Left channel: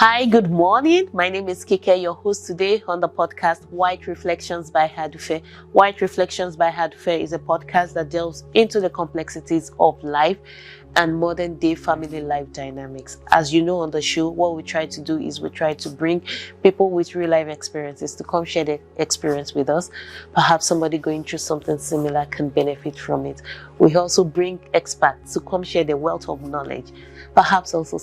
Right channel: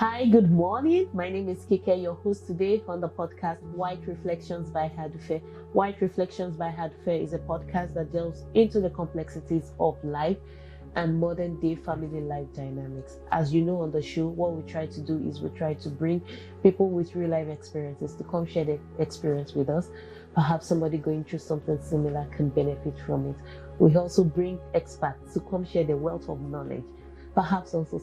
Hi, good morning. My name is Kike, your host today on the podcast White Reflections by Hadufe. White Reflections by Hadufe is a podcast that delves into the complexities of life and modern day family life dynamics. As you know on the show, what we try to do is we try to bring people with real life experiences to come share their experience with us. Perhaps somebody going through something similar can benefit from it. We also bring experts to come share their wealth of knowledge. Perhaps also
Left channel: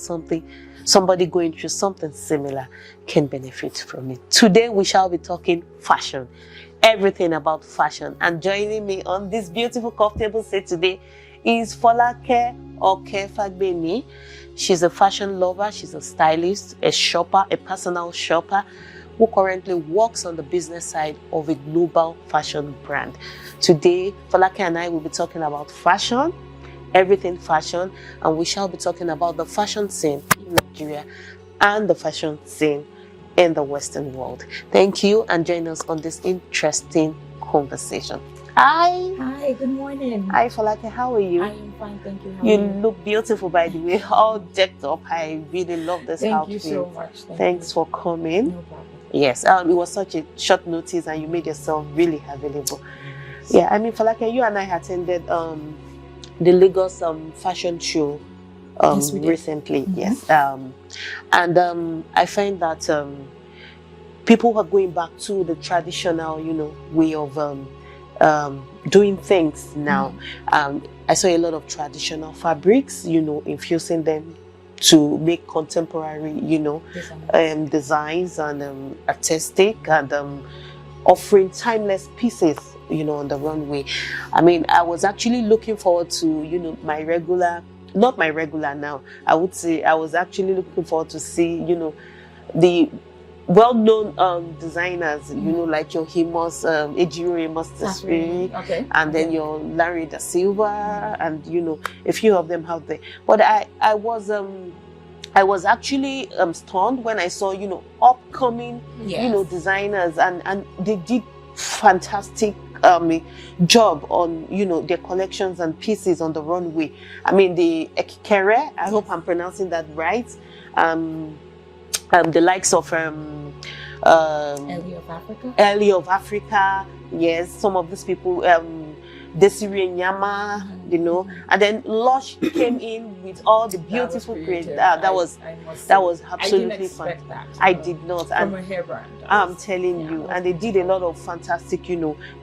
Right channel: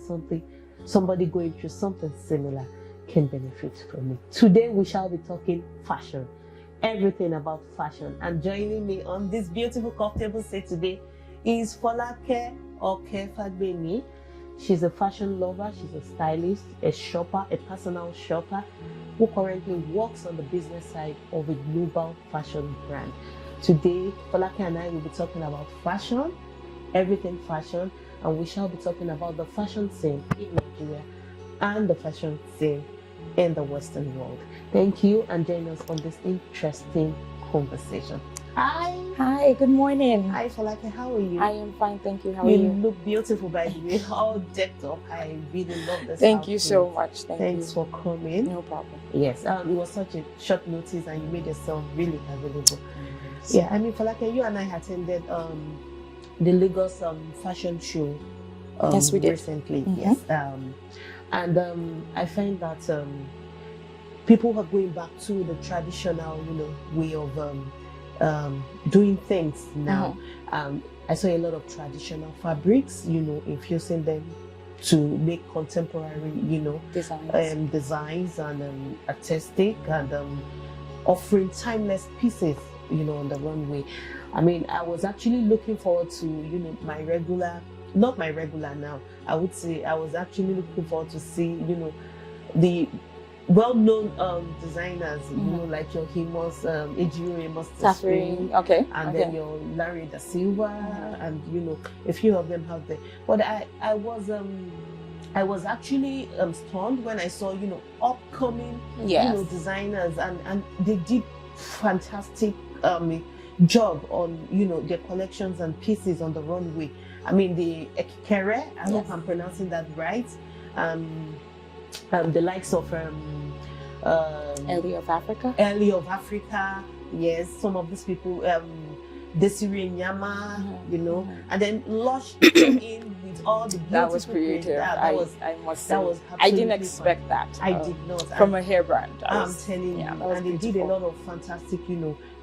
somebody going through something similar can benefit from it. Today we shall be talking fashion, everything about fashion. And joining me on this beautiful comfortable set today is Folake Okefagbemi. She's a fashion lover, she's a stylist, a shopper, a personal shopper who currently works on the business side of a global fashion brand. Today, Folake and I will be talking about fashion, everything fashion, and we shall be talking about the fashion scene in Nigeria and the fashion scene in the Western world. Thank you, and join us on this interesting conversation. Hi. Hi, good morning. Hi, Folake, how are you? I am fine, thank you. How are You you? look beautiful, by the way, all decked up. I really love this Thank outfit. you so much. Thanks for coming. No problem. Yes, it was such a short notice and you made yourself really available. Yeah, I mean, Folake, you and I attended the Lagos fashion show Yes, we did. recently. Mm-hmm. Yes, I find that people are going back to the traditional, way of doing things now. I saw a lot of traditional fabrics, infusing them to make contemporary, designs and artistic and offering timeless pieces, on the runway. I mean, I was actually looking forward to, not my regular now. I would say I was actually looking forward to see, the well-known designers, like your Himos, Ejiro Amos Tasiri, okay. and then your Larry da Silva, and a few of them out there. But I was actually stunned when I saw, upcoming, Yes. designers, and they did fantastic job on, their collections and pieces on the runway. I mean, the Ekikere, I hope I'm pronouncing that right. The likes of Ellie of Africa. Ellie of Africa, yes, some of these people, Desiree Nyama, and then Lush came in with all the beautiful creative. That was absolutely I didn't expect fun. that. I did not. From a hair brand. I'm telling you, and they did a lot of fantastic,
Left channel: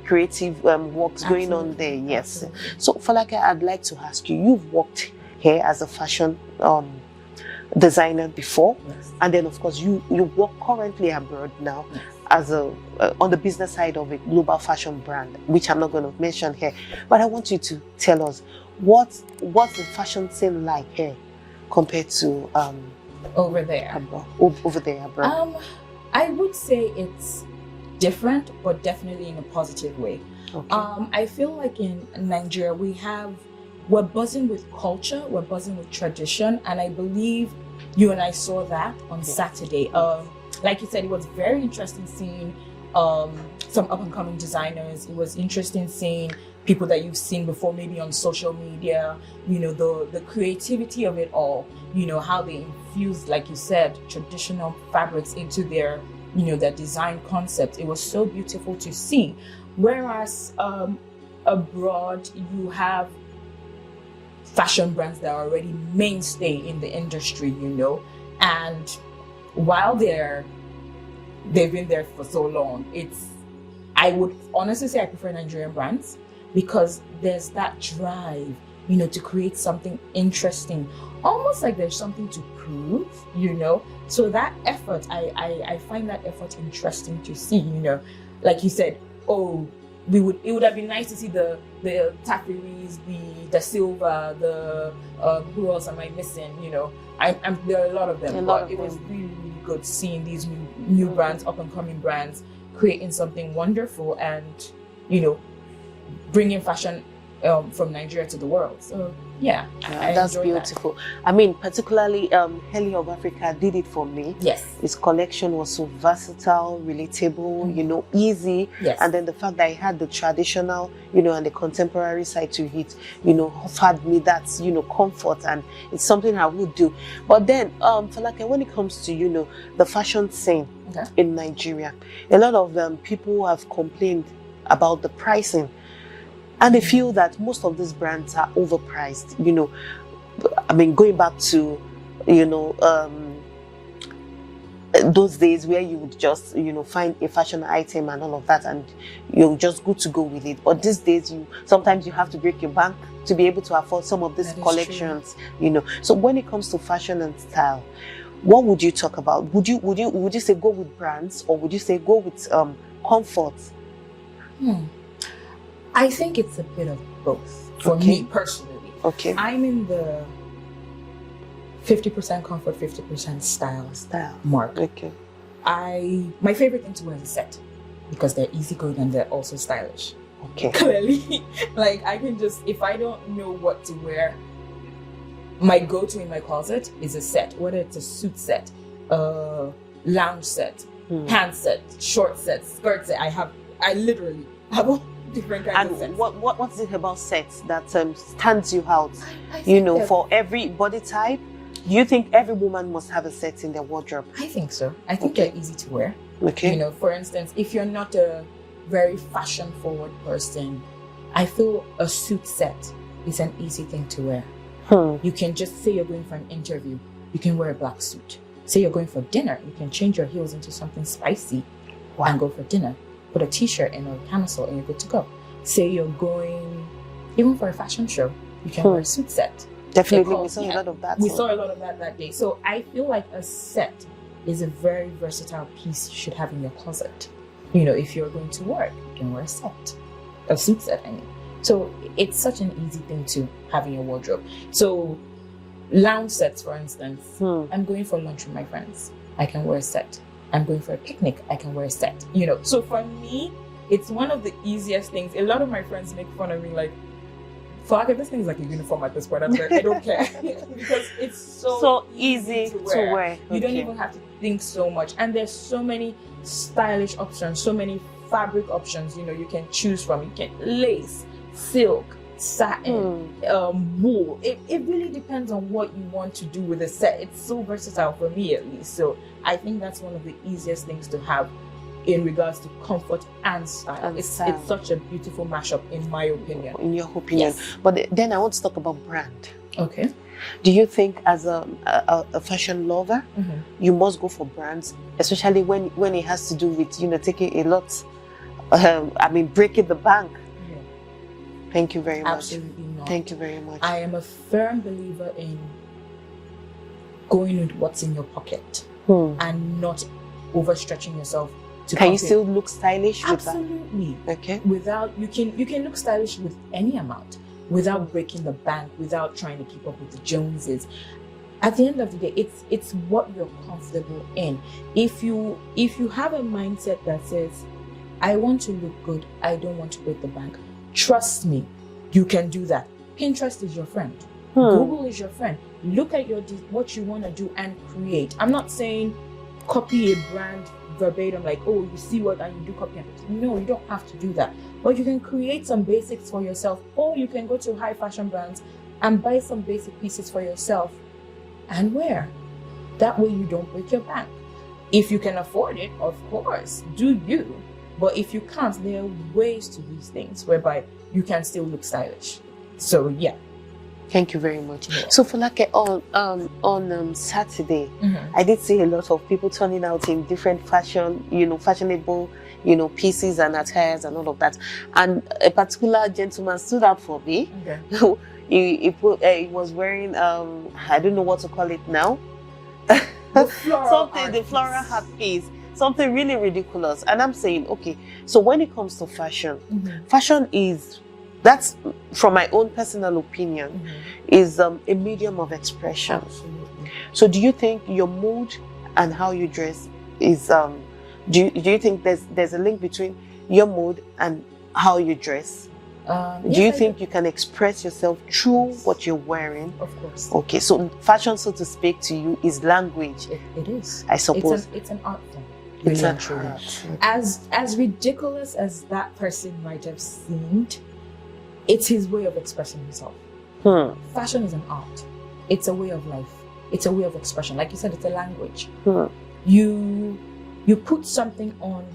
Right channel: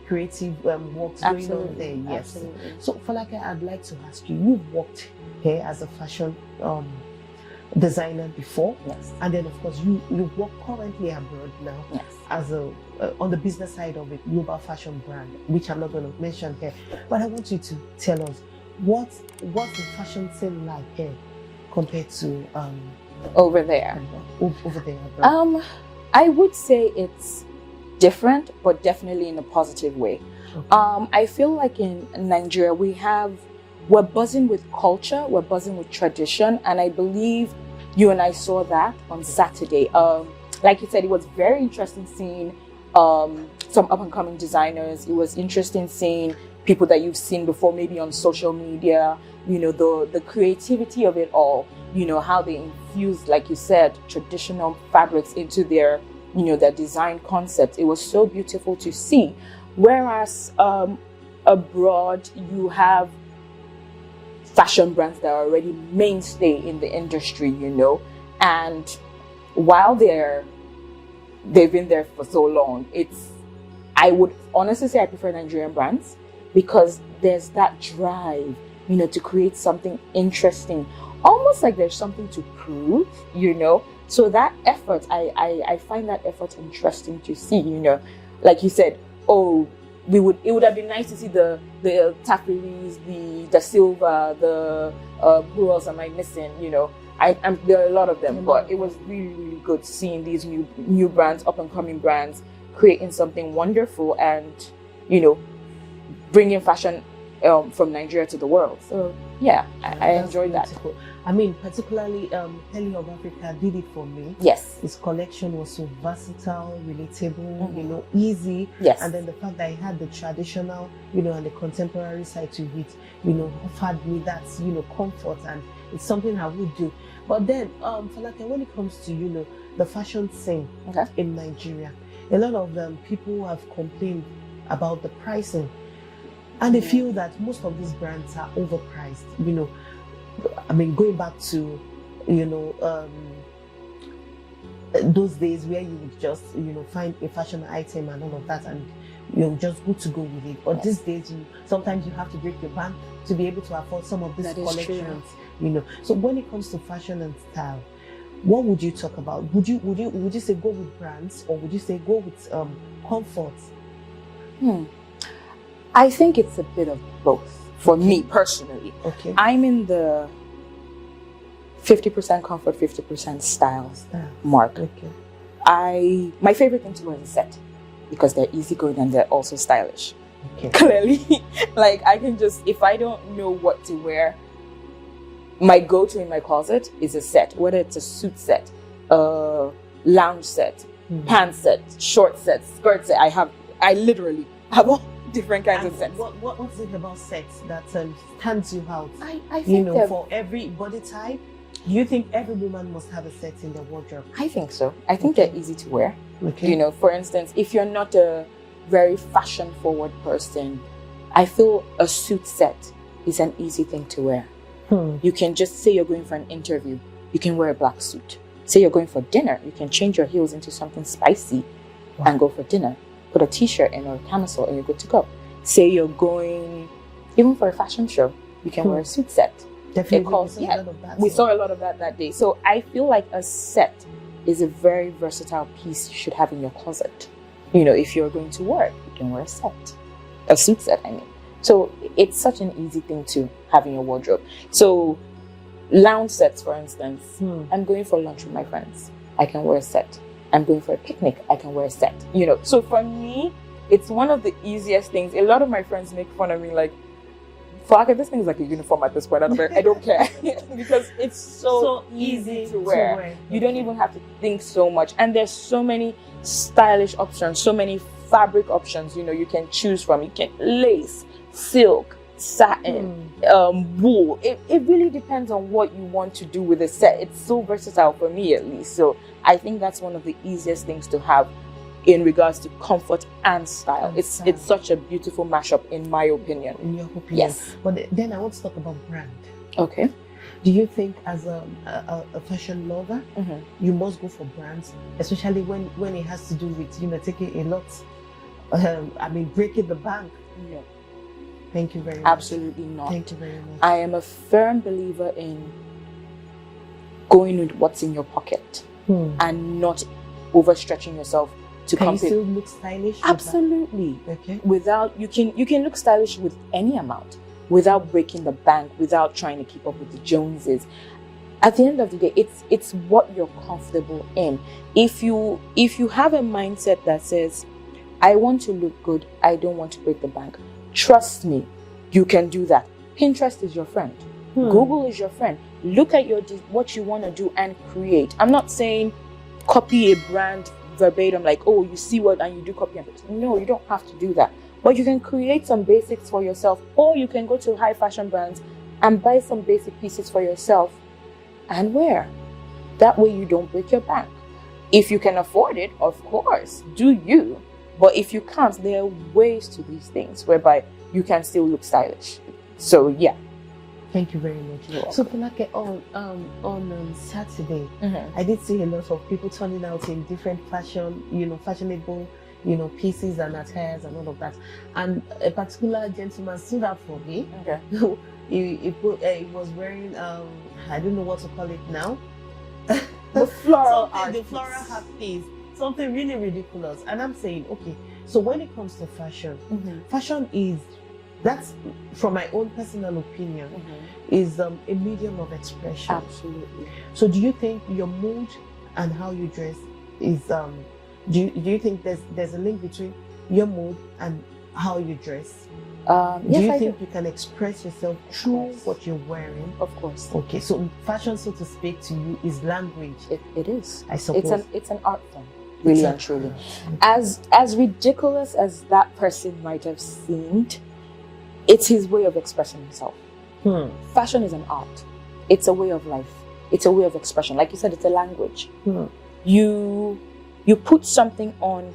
creative works going on there. Yes. Absolutely. So, Folake, I'd like to ask you. You've worked here as a fashion designer before, Yes. and then of course you work currently abroad now. Yes. As on the business side of a global fashion brand, which I'm not going to mention here, but I want you to tell us what's the fashion scene like here compared to Over there. over there abroad. I would say it's different, but definitely in a positive way. Okay. I feel like in Nigeria we're buzzing with culture, we're buzzing with tradition, and I believe you and I saw that on Saturday. Like you said, it was very interesting seeing some up-and-coming designers. It was interesting seeing people that you've seen before, maybe on social media, the creativity of it all, how they infused, like you said, traditional fabrics into their, their design concept. It was so beautiful to see. Whereas abroad, you have fashion brands that are already mainstay in the industry, and while they've been there for so long, I would honestly say I prefer Nigerian brands because there's that drive, to create something interesting, almost like there's something to prove, so that effort, I find that effort interesting to see, like you said, it would have been nice to see the Tapiris, the Silva, the who else am I missing? There are a lot of them, but it was really, really good seeing these new brands, up and coming brands, creating something wonderful and bringing fashion from Nigeria to the world. So Yeah, I That's enjoy beautiful. I mean, particularly Heli of Africa did it for me. that. Yes. His collection was so versatile, relatable, easy. Yes. And then the fact that he had the traditional, and the contemporary side to it, offered me that, comfort, and it's something I would do. But then, when it comes to, the fashion scene in Nigeria, a lot of people have complained about the pricing. And they feel that most of these brands are overpriced. I mean, going back to, those days where you would just, find a fashion item and all of that, and you're just good to go with it. But these days, sometimes you have to break your bank to be able to afford some of these collections. So when it comes to fashion and style, what would you talk about? Would you say go with brands, or would you say go with comfort? I think it's a bit of both for me personally. Okay. I'm in the 50% comfort, 50% style mark. Okay. My favorite thing to wear is a set, because they're easygoing and they're also stylish. Okay. Clearly, like I can just, if I don't know what to wear, my go-to in my closet is a set, whether it's a suit set, a lounge set, pants set, short set, skirt set. I literally have all different kinds of sets. What's it about sets that stands you out? I think for every body type, do you think every woman must have a set in their wardrobe? I think so. I think they're easy to wear. Okay. For instance, if you're not a very fashion-forward person, I feel a suit set is an easy thing to wear. You can just say you're going for an interview, you can wear a black suit. Say you're going for dinner, you can change your heels into something spicy and go for dinner. Put a t-shirt in or a camisole and you're good to go. Say you're going, even for a fashion show, you can wear a suit set. Definitely, we saw a lot of that. We saw a lot of that day. So I feel like a set is a very versatile piece you should have in your closet. If you're going to work, you can wear a set. A suit set, I mean. So it's such an easy thing to have in your wardrobe. So lounge sets, for instance, I'm going for lunch with my friends, I can wear a set. I'm going for a picnic, I can wear a set. So for me, it's one of the easiest things. A lot of my friends make fun of me, like, fuck it, this thing is like a uniform at this point. I'm like, I don't care. Because it's so easy to wear. You don't even have to think so much. And there's so many stylish options, so many fabric options, you can choose from. You can lace, silk, satin, wool. It really depends on what you want to do with a set. It's so versatile for me, at least. So I think that's one of the easiest things to have in regards to comfort and style. It's such a beautiful mashup, in my opinion. In your opinion. Yes. But then I want to talk about brand. Okay. Do you think, as a fashion lover, you must go for brands, especially when it has to do with taking a lot, breaking the bank? Yeah. Thank you very much. Absolutely not. Thank you very much. I am a firm believer in going with what's in your pocket and not overstretching yourself. Can you still look stylish? Absolutely. With that? Okay. Without you can look stylish with any amount, without breaking the bank, without trying to keep up with the Joneses. At the end of the day, it's what you're comfortable in. If you have a mindset that says, I want to look good, I don't want to break the bank, trust me, you can do that. Pinterest is your friend. Google is your friend. Look at what you want to do and create. I'm not saying copy a brand verbatim, like, oh, you see what and you do copy and paste. No, you don't have to do that. But you can create some basics for yourself, or you can go to high fashion brands and buy some basic pieces for yourself and wear. That way you don't break your bank. If you can afford it, of course, do you. But if you can't, there are ways to these things whereby you can still look stylish. So yeah. Thank you very much. So for like on Saturday, I did see a lot of people turning out in different fashionable, pieces and attires and all of that. And a particular gentleman stood out for me. Okay. he was wearing I don't know what to call it now. The floral hat piece. Something really ridiculous. And I'm saying, okay, so when it comes to fashion, fashion that's from my own personal opinion, is a medium of expression. Absolutely. So do you think your mood and how you dress is do you think there's a link between your mood and how you dress? Do you think you can express yourself through what you're wearing? Of course. Okay, so fashion, so to speak, to you is language. It is. I suppose. It's an art form. Really and truly. As ridiculous as that person might have seemed, it's his way of expressing himself. Fashion is an art. It's a way of life. It's a way of expression. Like you said, it's a language. You put something on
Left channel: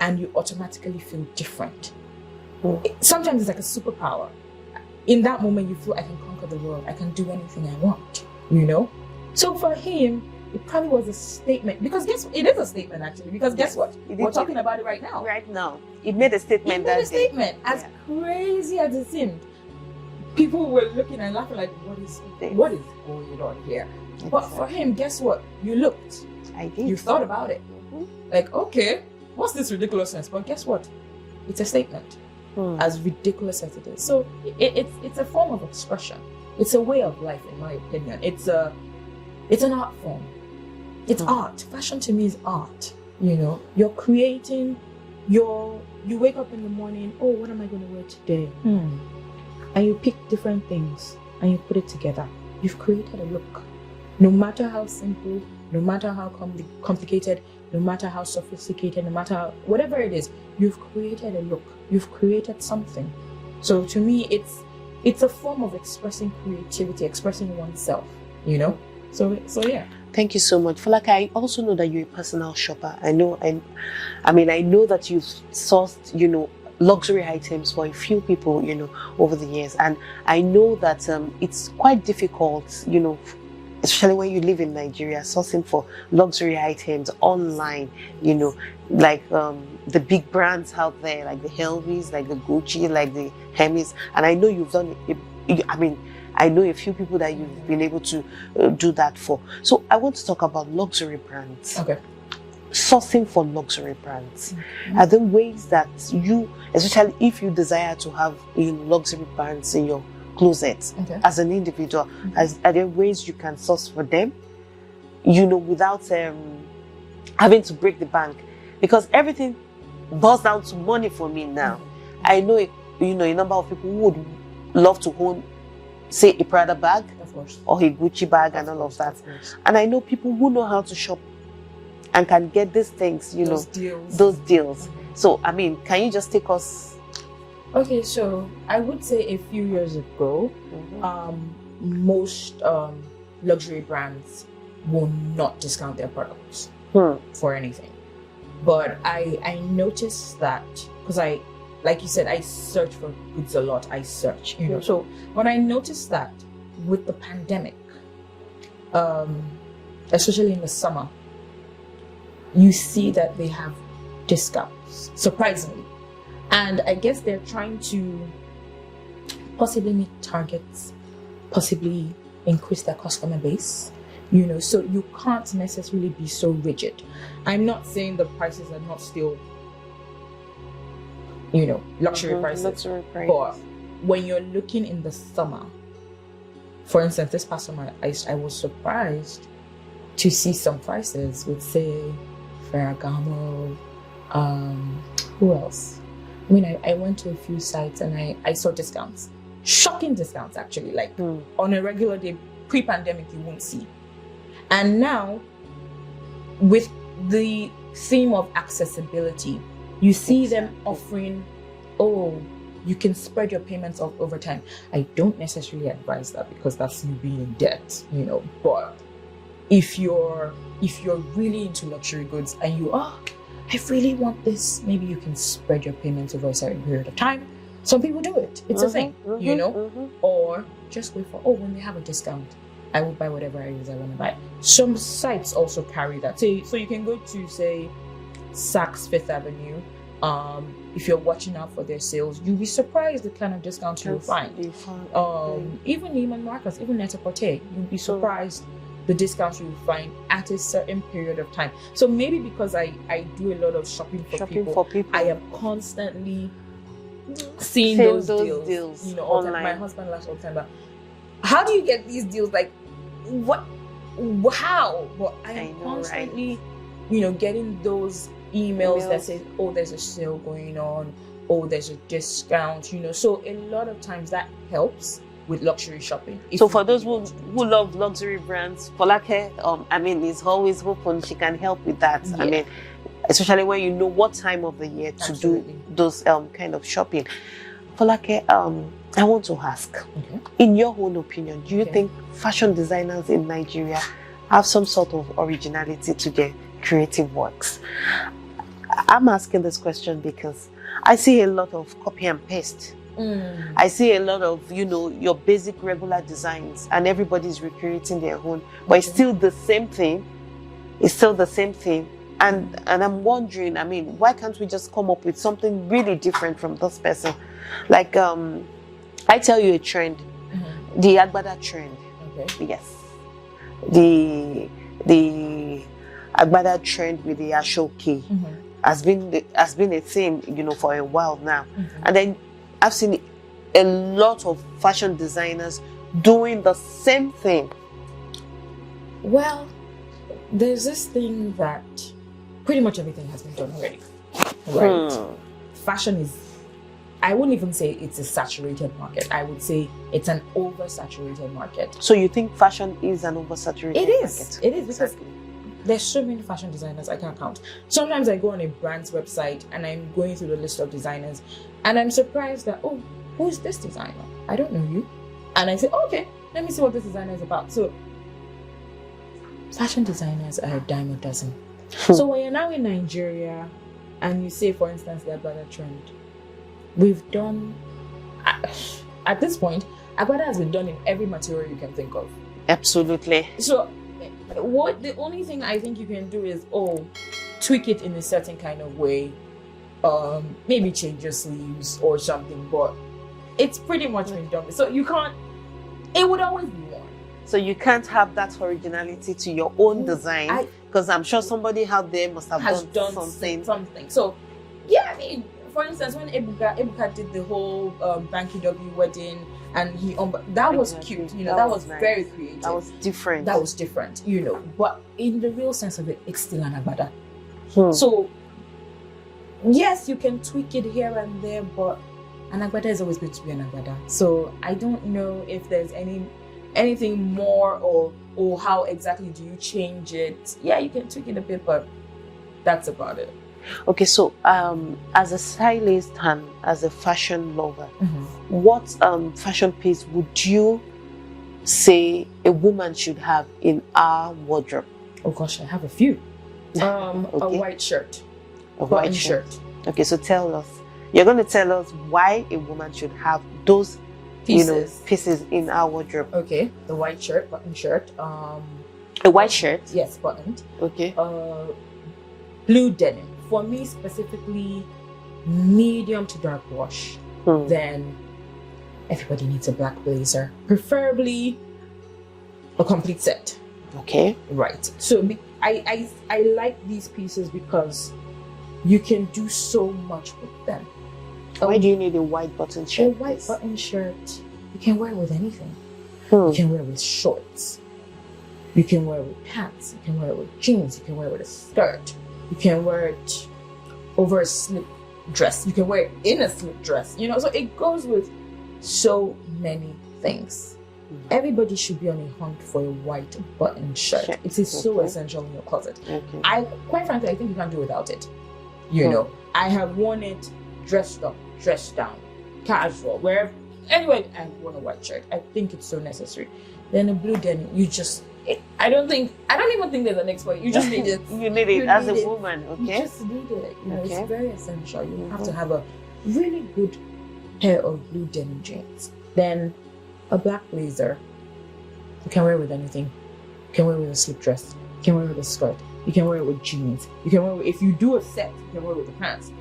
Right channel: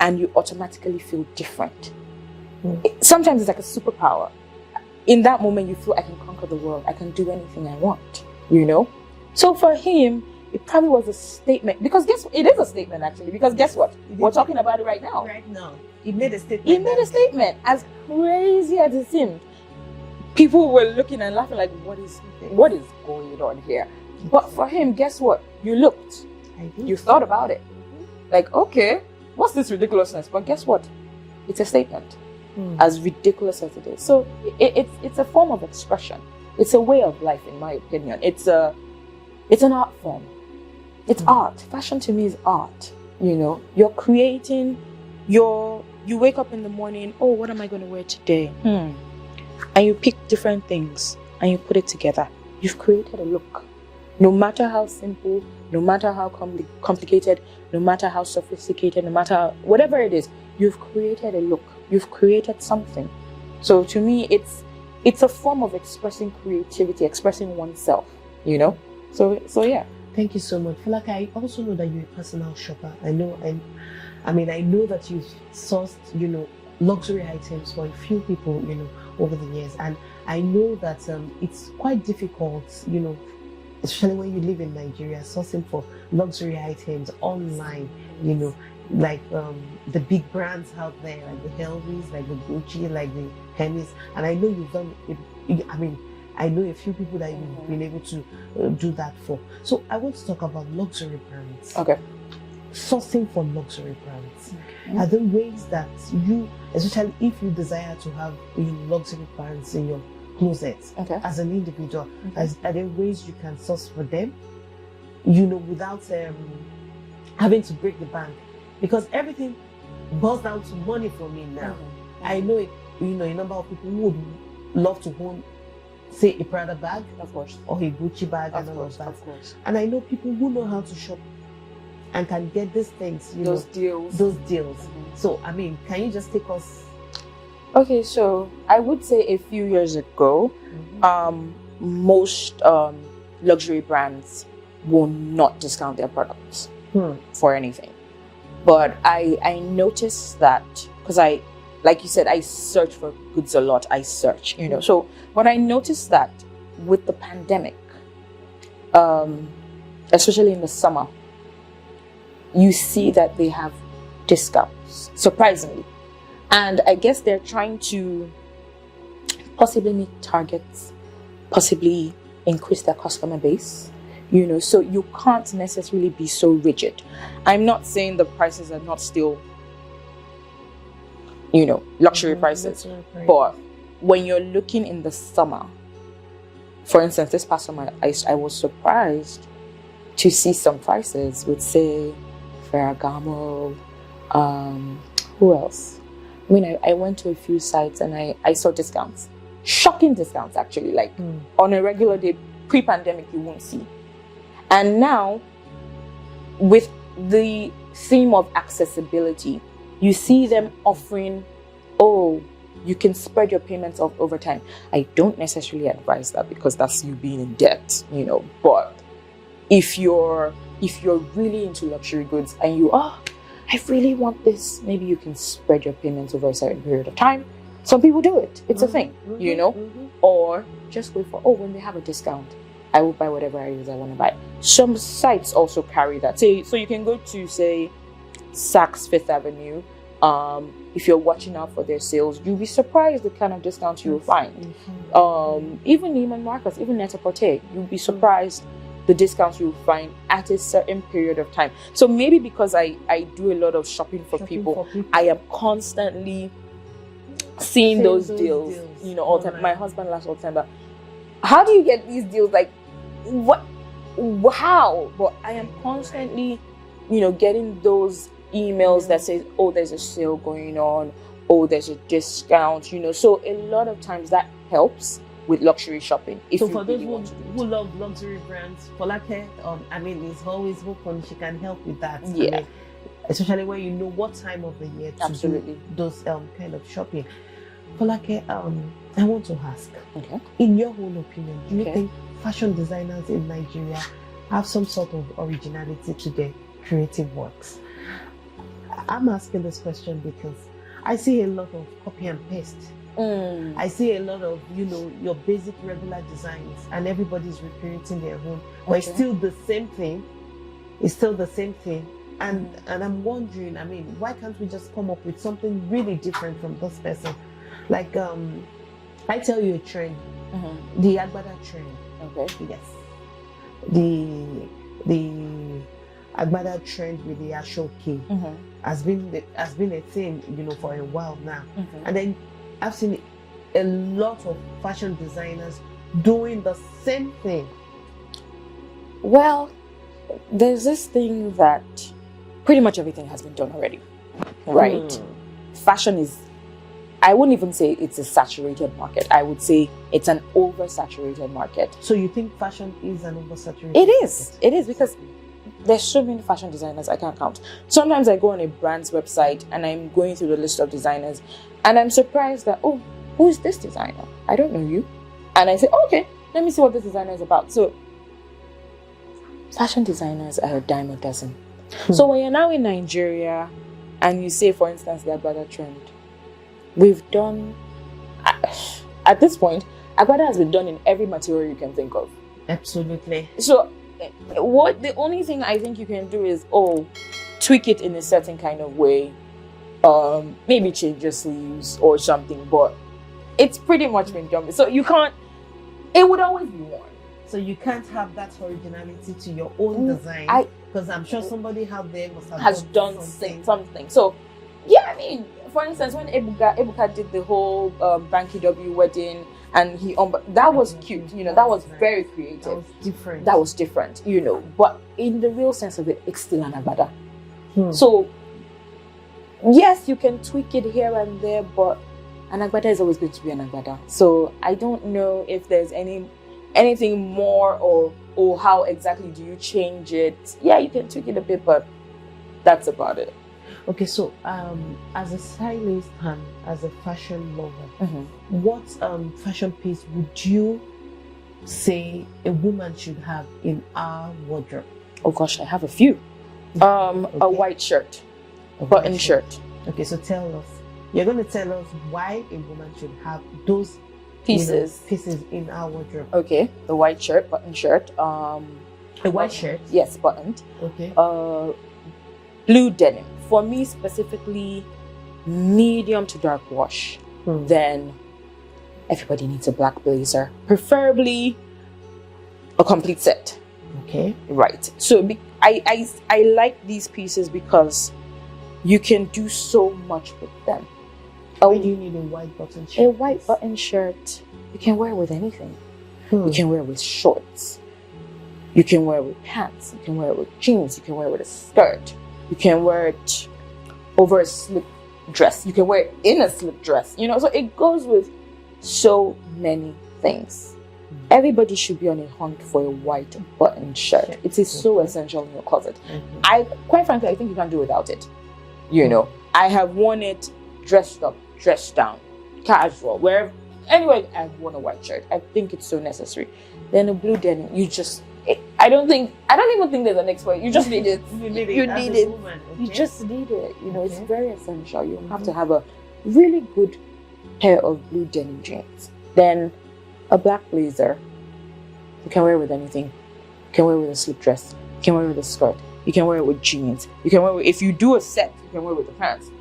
and you automatically feel different. Sometimes it's like a superpower. In that moment, you feel I can conquer the world. I can do anything I want, you know? So for him, it probably was a statement. Because it is a statement, actually. Because guess what? We're talking about it right now. Right now. It made a statement. It made a statement. As crazy as it seemed, people were looking and laughing like, what is going on here? But for him, guess what? You looked. I did. You thought about it. Like, okay, what's this ridiculousness? But guess what? It's a statement. As ridiculous as it is. So it's a form of expression. It's a way of life, in my opinion. It's an art form. It's art. Fashion to me is art. You know, you're creating you wake up in the morning, oh, what am I going to wear today? And you pick different things and you put it together. You've created a look. No matter how simple, no matter how complicated, no matter how sophisticated, no matter whatever it is, you've created a look. You've created something. So to me, it's a form of expressing creativity, expressing oneself, you know? So yeah. Thank you so much. Folake, I also know that you're a personal shopper. I know that you've sourced, you know, luxury items for a few people, you know, over the years. And I know that it's quite difficult, you know, especially when you live in Nigeria, sourcing for luxury items online, you know, like the big brands out there, like the Helvis, like the Gucci, like the Hermes. And I know you've done it. I know a few people that you've been able to do that for. So I want to talk about luxury brands. Okay. Sourcing for luxury brands. Are there ways that you, especially if you desire to have luxury brands in your closet as an individual, are there ways you can source for them, you know, without having to break the bank? Because everything boils down to money for me now. I know, you know, a number of people who would love to own, say, a Prada bag, of course, or a Gucci bag, and all of that. And I know people who know how to shop and can get these things, you those know, deals. Those deals. So, I mean, can you just take us? Okay, so I would say a few years ago, most luxury brands will not discount their products for anything. But I noticed that, because like you said, I search for goods a lot. I search, you know. So when I noticed that with the pandemic, especially in the summer, you see that they have discounts, surprisingly. And I guess they're trying to possibly meet targets, possibly increase their customer base, you know, so you can't necessarily be so rigid. I'm not saying the prices are not still, you know, luxury prices. But when you're looking in the summer, for instance, this past summer, I was surprised to see some prices with, say, Ferragamo, who else? I mean, I went to a few sites and I saw discounts. Shocking discounts, actually. Like, on a regular day, pre-pandemic, you won't see. And now, with the theme of accessibility, you see them offering, you can spread your payments off over time. I don't necessarily advise that, because that's you being in debt, you know. But if you're really into luxury goods and you I really want this, maybe you can spread your payments over a certain period of time. Some people do it. It's a thing, you know. Or just wait for, when they have a discount, I will buy whatever it is I want to buy. Some sites also carry that. So you can go to, say, Saks Fifth Avenue. If you're watching out for their sales, you'll be surprised the kind of discounts you'll find. Even Neiman Marcus, even Net-a-Porter, you'll be surprised the discounts you'll find at a certain period of time. So maybe because I do a lot of shopping for people, I am constantly seeing those deals, you know, all the time. My husband laughs all the time, but how do you get these deals? Like, what? How? But I am constantly, you know, getting those emails that says, there's a sale going on, oh, there's a discount, So a lot of times that helps with luxury shopping. So for those who love luxury brands, Folake, is always open. She can help with that. Yeah. Especially when you know what time of the year to do those kind of shopping. Folake, I want to ask, in your own opinion, do you think fashion designers in Nigeria have some sort of originality to their creative works? I'm asking this question because I see a lot of copy and paste. I see a lot of, your basic regular designs, and everybody's recreating their own, but it's still the same thing. It's still the same thing. And I'm wondering, why can't we just come up with something really different from this person? Like, I tell you a trend, the Agbada trend. Okay. Yes. The Agbada trend with the Ashoke has been a thing, for a while now. And then I've seen a lot of fashion designers doing the same thing. Well, there's this thing that pretty much everything has been done already, right? Fashion is, I wouldn't even say it's a saturated market. I would say it's an oversaturated market. So you think fashion is an oversaturated market? It is because exactly. There's so many fashion designers I can't count. Sometimes I go on a brand's website and I'm going through the list of designers and I'm surprised that, oh, who is this designer? I don't know you. And I say, okay, let me see what this designer is about. So fashion designers are a dime a dozen. So when you're now in Nigeria and you say, for instance, the Agbada trend, we've done, at this point, Agbada has been done in every material you can think of. Absolutely. So the only thing I think you can do is, tweak it in a certain kind of way, maybe change your sleeves or something, but it's pretty much been done. So you can't, it would always be worn. So you can't have that originality to your own design, because I'm sure somebody out there must have done something. So yeah, for instance, when Ebuka did the whole Banky W wedding, and that was cute, that was nice. Very creative. That was different. But in the real sense of it, it's still an Agbada. So yes, you can tweak it here and there, but an Agbada is always going to be an Agbada. So I don't know if there's anything more or how exactly do you change it. Yeah, you can tweak it a bit, but that's about it. Okay, so as a stylist and as a fashion lover, what fashion piece would you say a woman should have in our wardrobe? Oh gosh, I have a few. A white shirt, a button shirt. Okay, so tell us. You're going to tell us why a woman should have those pieces in our wardrobe. Okay, the white shirt, button shirt. A white shirt? Yes, buttoned. Okay. Blue denim. For me specifically, medium to dark wash. Then everybody needs a black blazer, preferably a complete set. Okay, right. So I like these pieces because you can do so much with them. Why do you need a white button shirt? A white button shirt, you can wear with anything. You can wear with shorts. You can wear with pants. You can wear with jeans. You can wear with a skirt. You can wear it over a slip dress. You can wear it in a slip dress. So it goes with so many things. Everybody should be on a hunt for a white button shirt. It is so essential in your closet. Quite frankly, I think you can't do without it. I have worn it dressed up, dressed down, casual, wherever. Anyway, I've worn a white shirt. I think it's so necessary. Then a blue denim, I don't even think there's an next way. You just need it. You need it as a woman. Okay? You just need it. It's very essential. You have to have a really good pair of blue denim jeans. Then a black blazer. You can wear it with anything. You can wear it with a slip dress. You can wear it with a skirt. You can wear it with jeans. You can wear it if you do a set. You can wear it with the pants.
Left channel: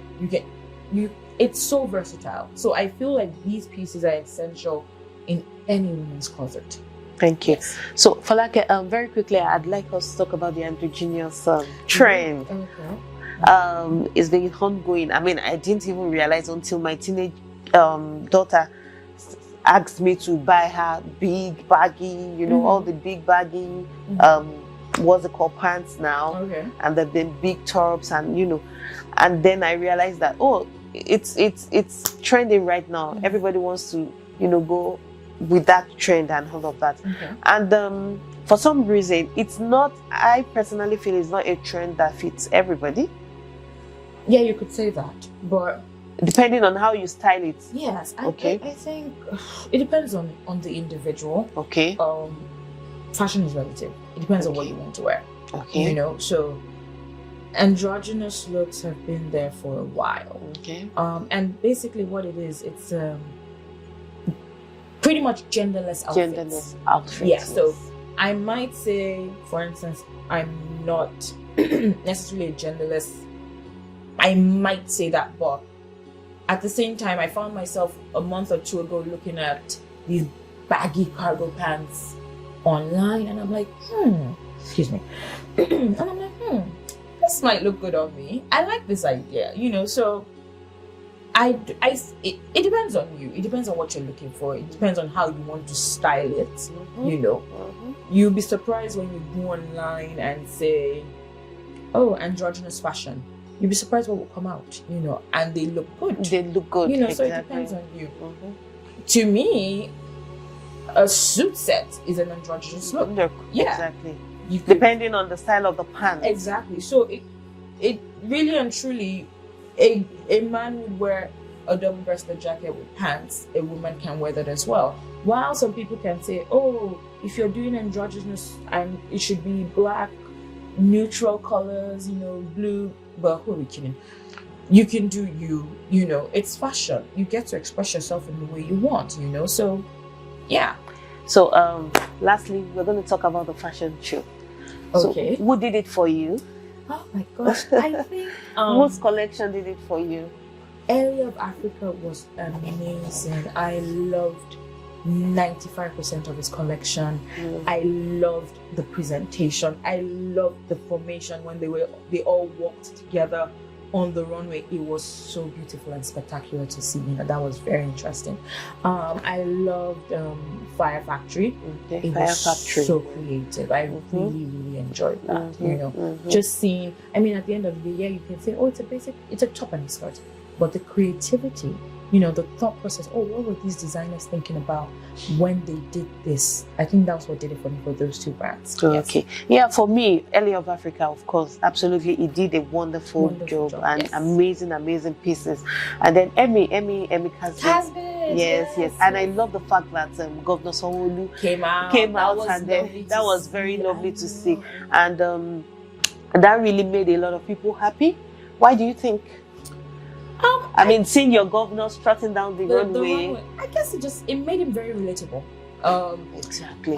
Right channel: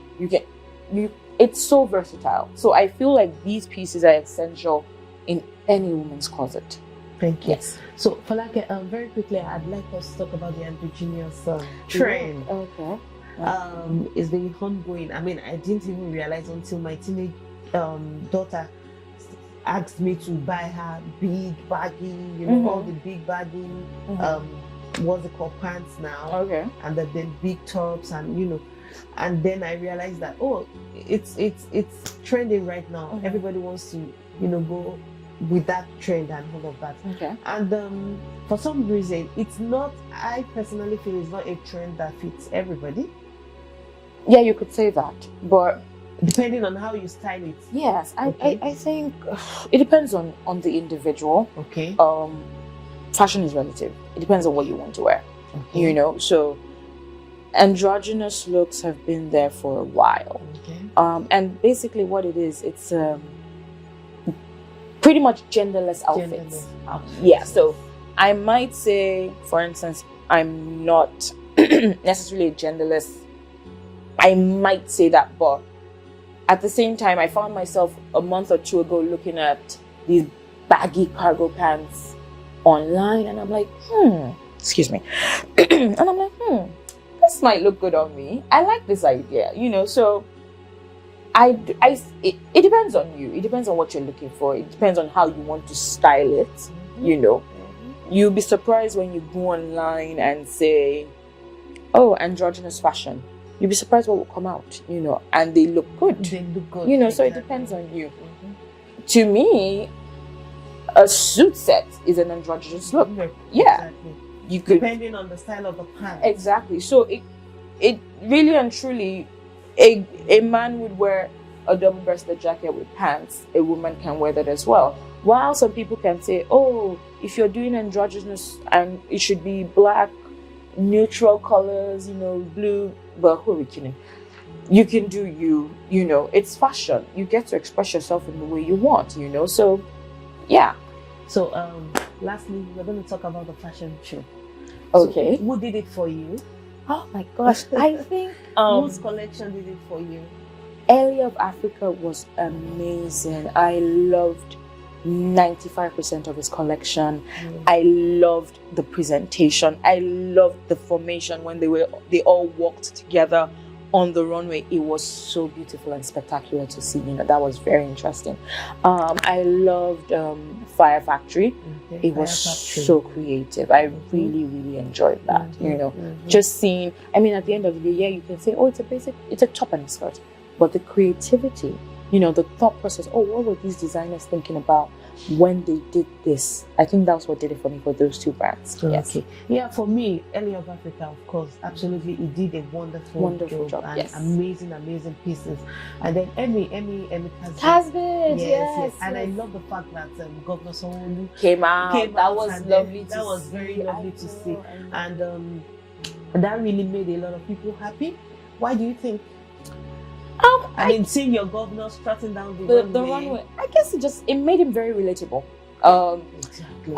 It's so versatile. So I feel like these pieces are essential in any woman's closet. Thank you. Yes. So, Folake, very quickly, I'd like us to talk about the androgynous trend. Okay. It's been ongoing. I didn't even realize until my teenage daughter asked me to buy her big baggy, all the big baggy, what's it called, pants now. Okay. And then big tops and, and then I realized that, it's trending right now. Everybody wants to, go with that trend and all of that. Okay. And for some reason, I personally feel it's not a trend that fits everybody. Yeah, you could say that, but depending on how you style it. Yes, Okay. I think it depends on the individual. Okay. Fashion is relative. It depends on what you want to wear. Okay. So androgynous looks have been there for a while. Okay. And basically what it is, it's pretty much genderless outfits. Genderless outfits. Yeah, so I might say, for instance, I'm not necessarily a genderless. I might say that, but at the same time, I found myself a month or two ago looking at these baggy cargo pants online, and I'm like, excuse me, and I'm like, this might look good on me. I like this idea, So it depends on you. It depends on what you're looking for. It depends on how you want to style it. You'll be surprised when you go online and say, "Oh, androgynous fashion." You'll be surprised what will come out, and they look good. They look good, So it depends on you. To me, a suit set is an androgynous look. Yeah, exactly. Depending on the style of the pants. Exactly. So it really and truly, a man would wear a double-breasted jacket with pants. A woman can wear that as well. While some people can say, "Oh, if you're doing androgynous, and it should be black, neutral colors, blue." But who are we kidding? You can do it's fashion. You get to express yourself in the way you want, So, yeah. So, lastly, we're going to talk about the fashion show. Okay. So, who did it for you? Oh my gosh, I think whose collection did it for you? Area of Africa was amazing. I loved 95% of his collection. I loved the presentation. I loved the formation when they all walked together on the runway. It was so beautiful and spectacular to see. That was very interesting. I loved Fire Factory. It was so creative. I really, really enjoyed that. Just seeing. I mean, at the end of the day, you can say, "Oh, it's a top and a skirt," but the creativity. The thought process, what were these designers thinking about when they did this? I think that's what did it for me for those two brands. Okay. Yes. Yeah, for me, Area of Africa, of course, absolutely. It did a wonderful job and amazing pieces. And then Emmy Casbin. Yes. And I love the fact that Governor Sanwo-Olu came out. That was lovely. That was very lovely to see. And that really made a lot of people happy. Why do you think? I mean, seeing your governor strutting down the runway. I guess it made him very relatable. Exactly.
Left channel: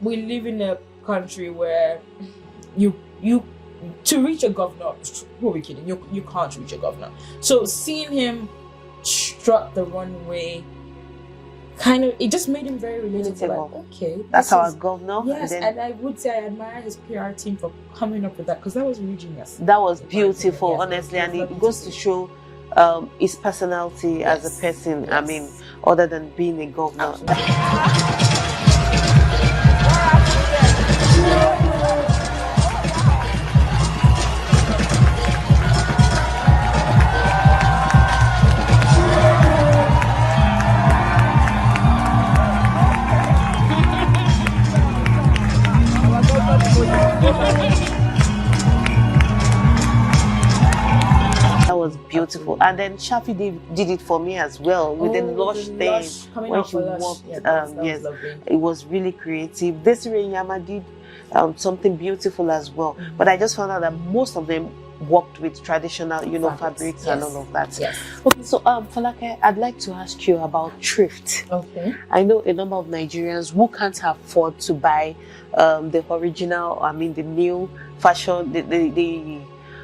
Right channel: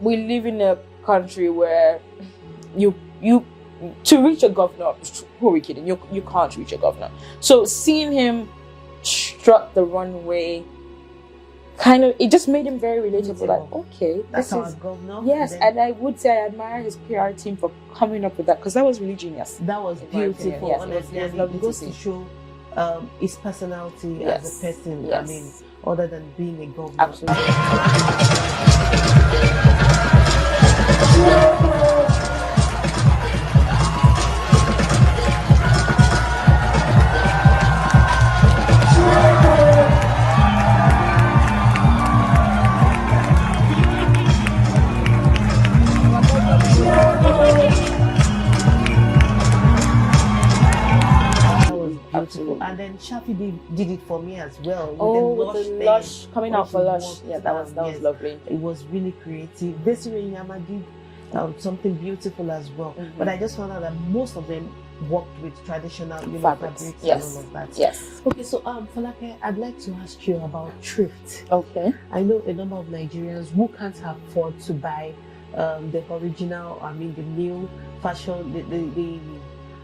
We live in a country where you to reach a governor, who are we kidding? You can't reach a governor. So seeing him strut the runway, it just made him very relatable. Like, okay, that's our governor. Yes, and I would say I admire his PR team for coming up with that, because that was really genius. That was beautiful, honestly, and it goes to show his personality as a person. I mean, other than being a governor. Beautiful. And then Shafi did it for me as well with the lush coming out for lush. That was lovely. It was really creative. Desiree Nyama did something beautiful as well. But I just found out that most of them worked with traditional, fabrics and all of that. Yes. Okay, so Falake, I'd like to ask you about thrift. Okay. I know a number of Nigerians who can't afford to buy the original, the new fashion, the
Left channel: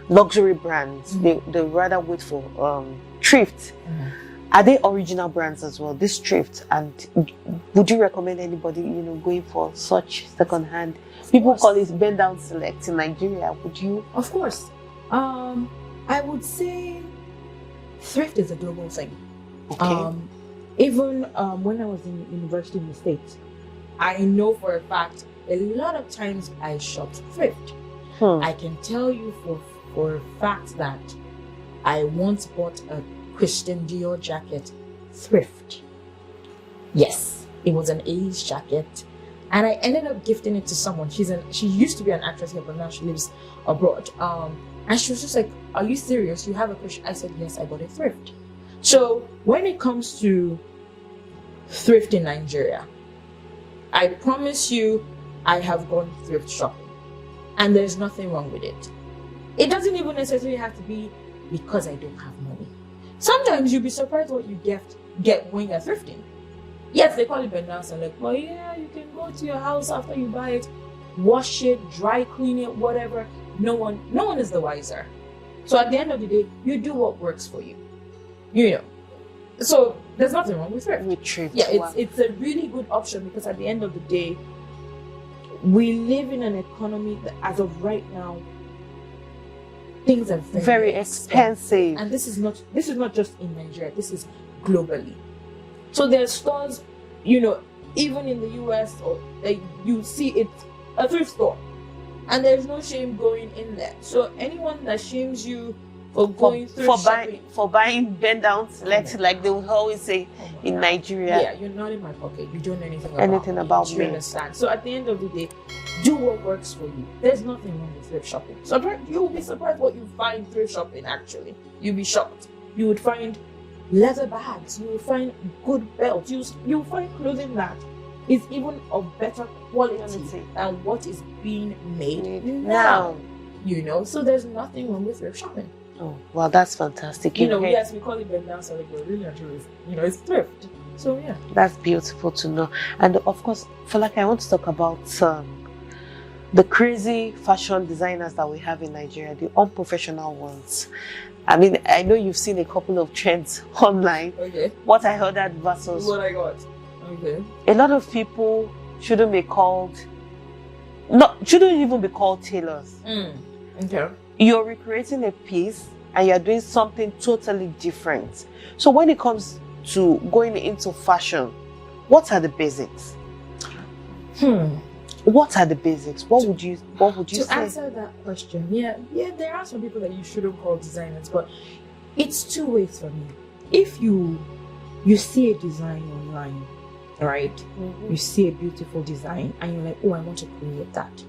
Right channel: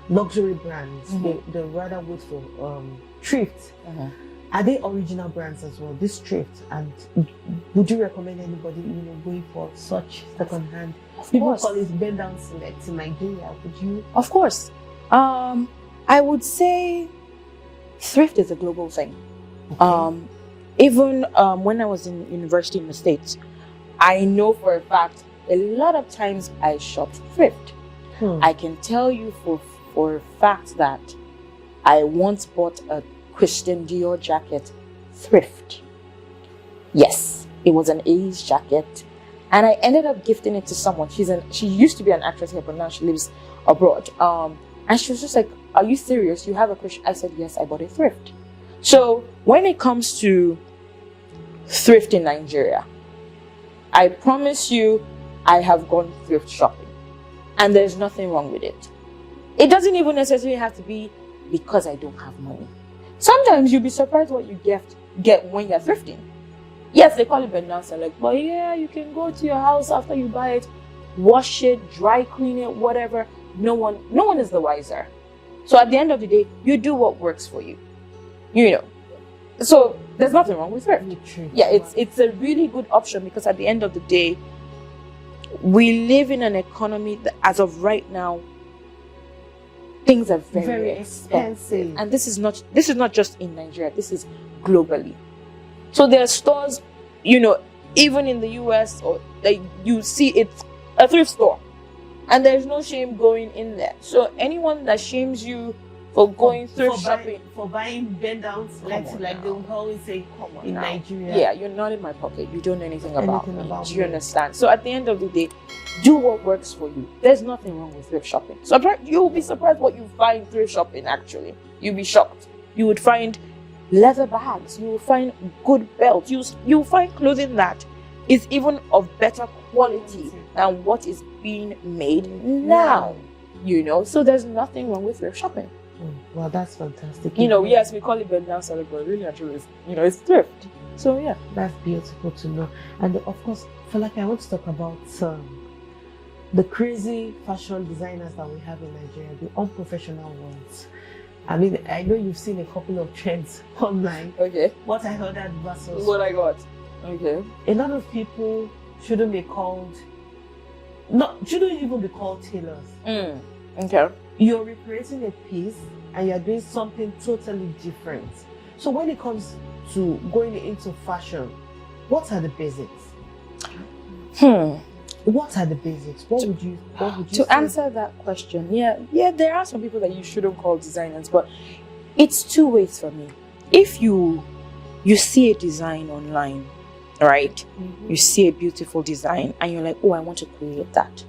luxury brands. They rather wait for thrift. Are they original brands as well, this thrift? And would you recommend anybody going for such second-hand? People call it bend down select in Nigeria. Would you? Of course. I would say thrift is a global thing. Okay. Even when I was in university in the States, I know for a fact a lot of times I shopped thrift. I can tell you for a fact that I once bought a Christian Dior jacket thrift. Yes, it was an A's jacket. And I ended up gifting it to someone. She used to be an actress here, but now she lives abroad. And she was just like, "Are you serious? You have a Christian?" I said, "Yes, I bought a thrift." So when it comes to thrift in Nigeria, I promise you, I have gone thrift shopping. And there's nothing wrong with it. It doesn't even necessarily have to be because I don't have money. Sometimes you'll be surprised what you get when you're thrifting. Yes, they call it bendance and like, well, yeah, you can go to your house after you buy it, wash it, dry clean it, whatever. No one is the wiser. So at the end of the day, you do what works for you. You know. So there's nothing wrong with thrift. Yeah, it's a really good option because at the end of the day, we live in an economy that, as of right now, things are very expensive. And this is not just in Nigeria, this is globally. So there are stores, even in the US, or you see it's a thrift store. And there's no shame going in there. So anyone that shames you for going thrift shopping, for buying bend downs, like they will always say in Nigeria. Yeah, you're not in my pocket. You don't know anything about me. You understand? So at the end of the day, do what works for you. There's nothing wrong with thrift shopping. So you'll be surprised what you find thrift shopping actually. You'll be shocked. You would find leather bags. You will find good belts. You'll find clothing that is even of better quality than what is being made now. So there's nothing wrong with thrift shopping. Oh, well, that's fantastic. Yes, we call it bend down, but really actually, it's thrift. So yeah, that's beautiful to know. And of course, I want to talk about the crazy fashion designers that we have in Nigeria, the unprofessional ones. I mean, I know you've seen a couple of trends online. Okay. What I heard at versus what I got. Okay. A lot of people shouldn't even be called tailors. Okay. You're recreating a piece and you're doing something totally different. So when it comes to going into fashion, what are the basics? What are the basics? What would you say? To answer that question, yeah, there are some people that you shouldn't call designers, but it's two ways for me. If you see a design online, right? Mm-hmm. You see a beautiful design and you're like, oh, I want to create that.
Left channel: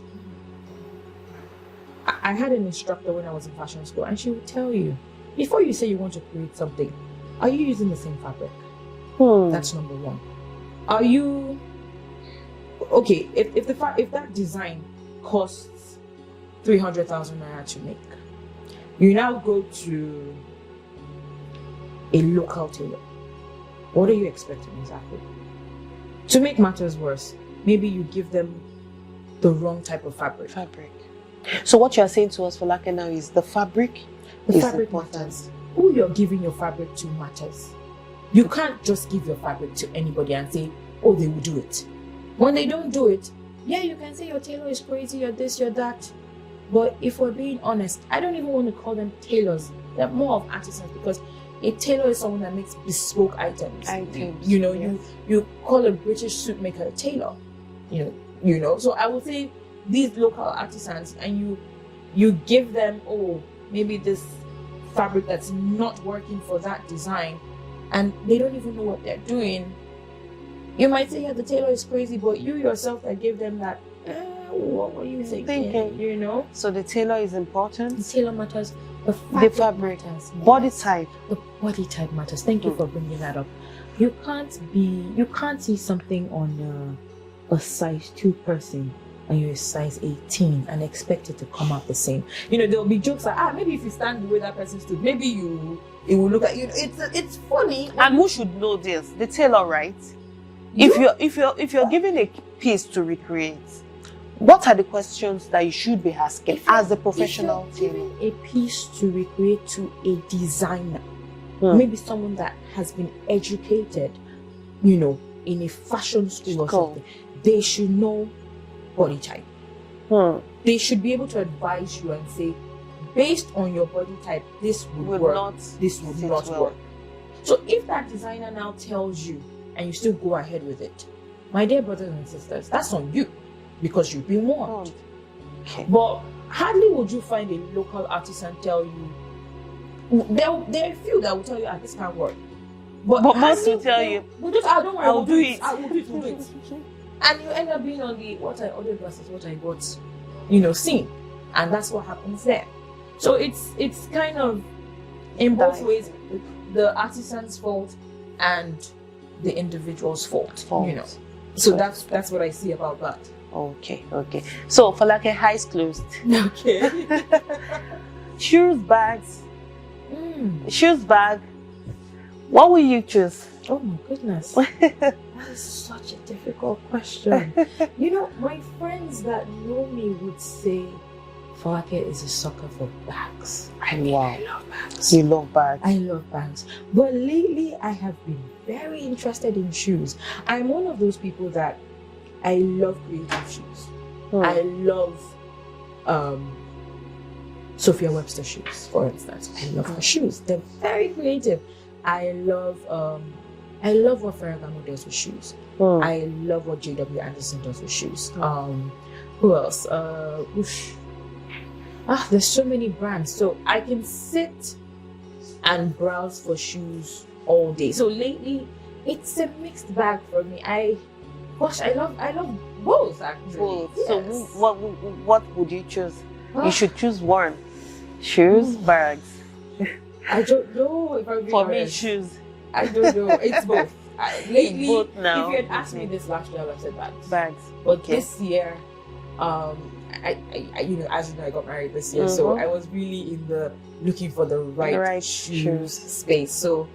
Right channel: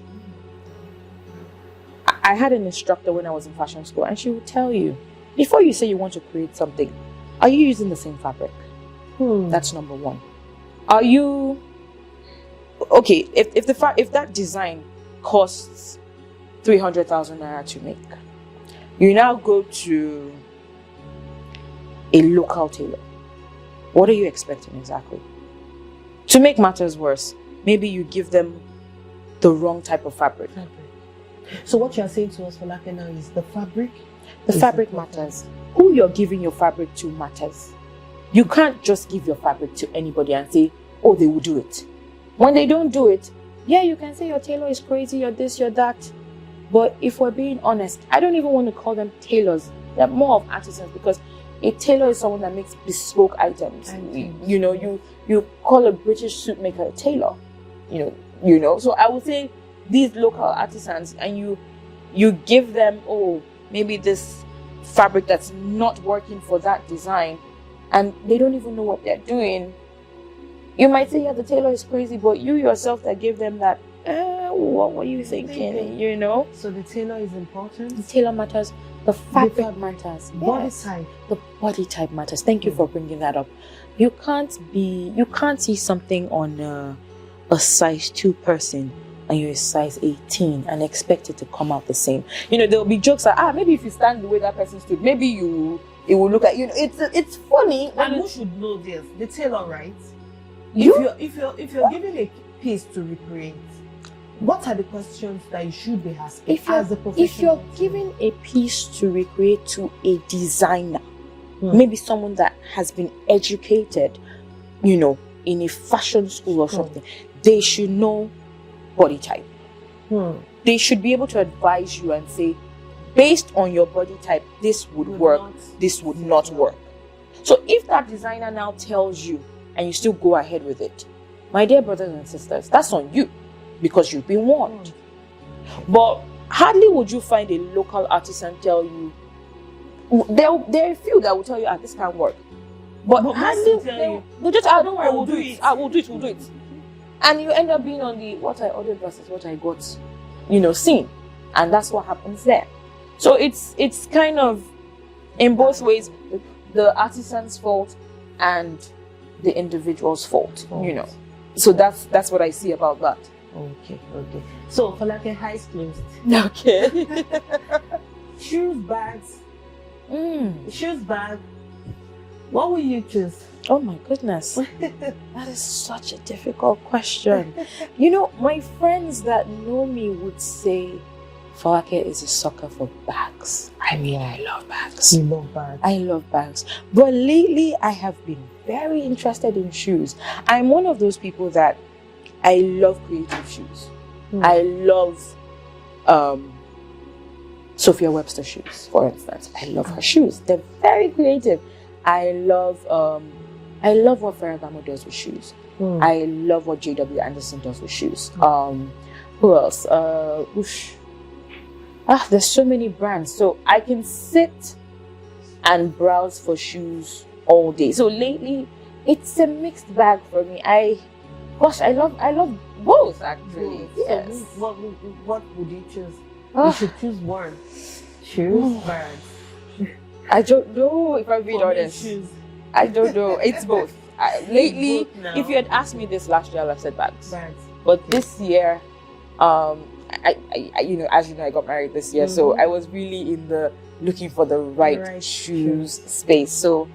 I had an instructor when I was in fashion school, and she would tell you, before you say you want to create something, are you using the same fabric? That's number one. Are you okay? If that design costs 300,000 naira to make, you now go to a local tailor. What are you expecting exactly? To make matters worse, maybe you give them the wrong type of fabric. So what you are saying to us, Folake, now is the fabric. The fabric matters. Who you're giving your fabric to matters. You can't just give your fabric to anybody and say, oh, they will do it. When they don't do it, yeah, you can say your tailor is crazy, you're this, you're that. But if we're being honest, I don't even want to call them tailors. They're more of artisans, because a tailor is someone that makes bespoke items. You call a British suit maker a tailor. So I would say these local artisans, and you give them, maybe this fabric that's not working for that design, and they don't even know what they're doing. You might say, yeah, the tailor is crazy, but you yourself that gave them that, what were you thinking? So the tailor is important. The tailor matters. The fabric matters. Body type. The body type matters. Thank you for bringing that up. You can't see something on a size 2 person and you're a size 18 and expect it to come out the same. There'll be jokes like, maybe if you stand the way that person stood, maybe it will look at you. It's funny. And who should know this? The tailor, right? If you're given a piece to recreate, what are the questions that you should be asking as a professional? If you're giving a piece to recreate to a designer, maybe someone that has been educated, in a fashion school or something, they should know body type. They should be able to advise you and say, based on your body type, this would work, this would not work. So if that designer now tells you and you still go ahead with it, my dear brothers and sisters, that's on you, because you've been warned. Okay. But hardly would you find a local artisan tell you, there are a few that will tell you, this can't work. But most will tell you, they just, don't worry, we'll do it. We'll do it. And you end up being on the what I ordered versus what I got, seen. And that's what happens there. So it's kind of in both ways, the artisan's fault and the individual's fault. So that's what I see about that. Okay. So for like a eyes closed. Okay. Shoes, bags. Shoes, bag. What will you choose? Oh my goodness. That is such a difficult question. My friends that know me would say Falake is a sucker for bags. I love bags. You love bags. I love bags. But lately I have been very interested in shoes. I'm one of those people that I love creative shoes. I love Sophia Webster shoes, for instance. I love her shoes. They're very creative. I love what Ferragamo does with shoes. I love what JW Anderson does with shoes. Who else? There's so many brands. So I can sit and browse for shoes all day. So lately, it's a mixed bag for me. I love both actually. Yes. So what would you choose? You should choose one. Shoes, bags. I don't know if I'm being honest. Shoes. I don't know. It's both. Lately, both now. If you had asked me this last year, I would have said bags. Bags. But this year, I as you know, I got married this year, so I was really in the looking for the right shoes space. So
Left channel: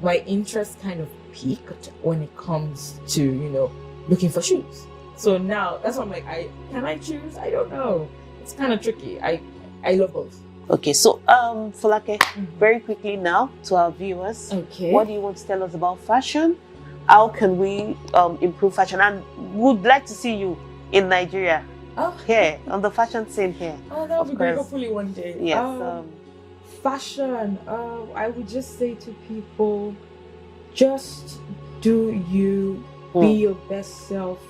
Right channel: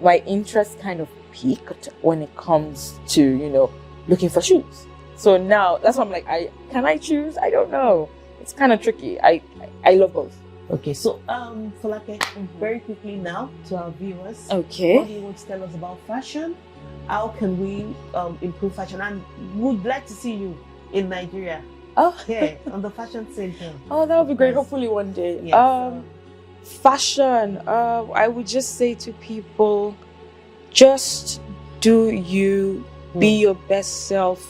my interest kind of peaked when it comes to looking for shoes. So now that's why I'm like, can I choose? I don't know. It's kind of tricky. I love both. Okay, so Falake, very quickly now to our viewers. Okay. What do you want to tell us about fashion? How can we improve fashion? And would like to see you in Nigeria. Here on the fashion scene here. Oh, that would be great. Hopefully one day. Yes. Fashion. I would just say to people, just do you, be your best self.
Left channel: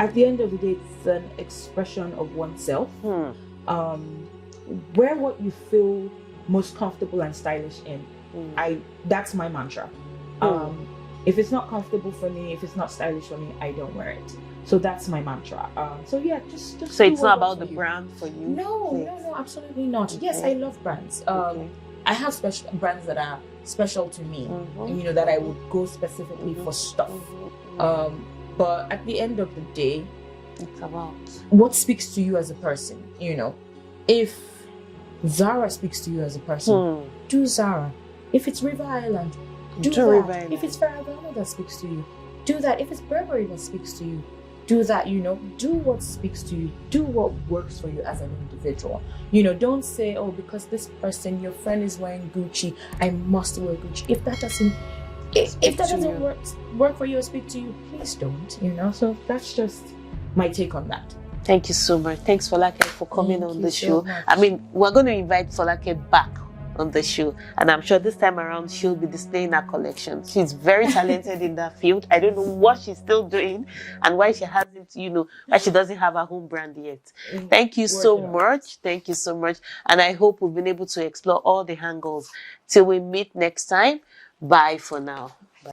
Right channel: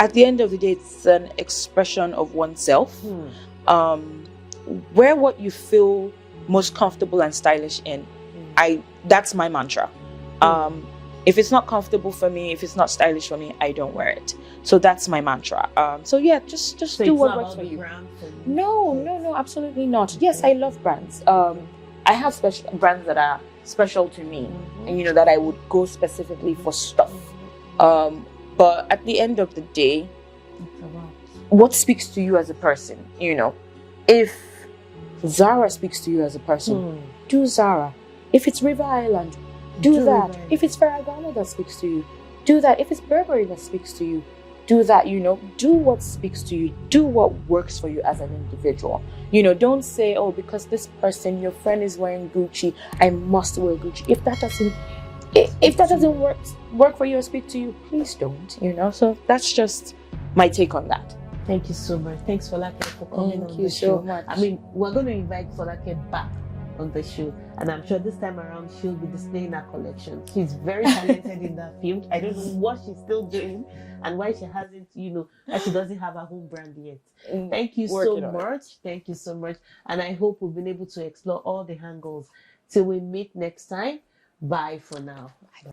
At the end of the day, it's an expression of oneself. Wear what you feel most comfortable and stylish in. That's my mantra. If it's not comfortable for me, if it's not stylish for me, I don't wear it. So that's my mantra. So yeah, just so do it's what not works about the you. brand for you. No, absolutely not. Yes, I love brands. I have special brands that are special to me, and that I would go specifically for stuff. But at the end of the day, it's about what speaks to you as a person. If Zara speaks to you as a person, do Zara. If it's River Island, do that. If it's Ferragamo that speaks to you, do that. If it's Burberry that speaks to you, do that. Do what speaks to you. Do what works for you as an individual. Don't say, oh, because this person, your friend is wearing Gucci, I must wear Gucci. If that doesn't work for you or speak to you, please don't. So that's just my take on that. Thank you so much. Thanks, Falake, for coming on the show. Much. I mean, we're going to invite Falake back on the show, and I'm sure this time around she'll be displaying her collection. She's very talented in that field. I don't know what she's still doing and why she hasn't, why she doesn't have her home brand yet. Thank you so much. Thank you so much. And I hope we've been able to explore all the angles. Till we meet next time. Bye for now. Bye.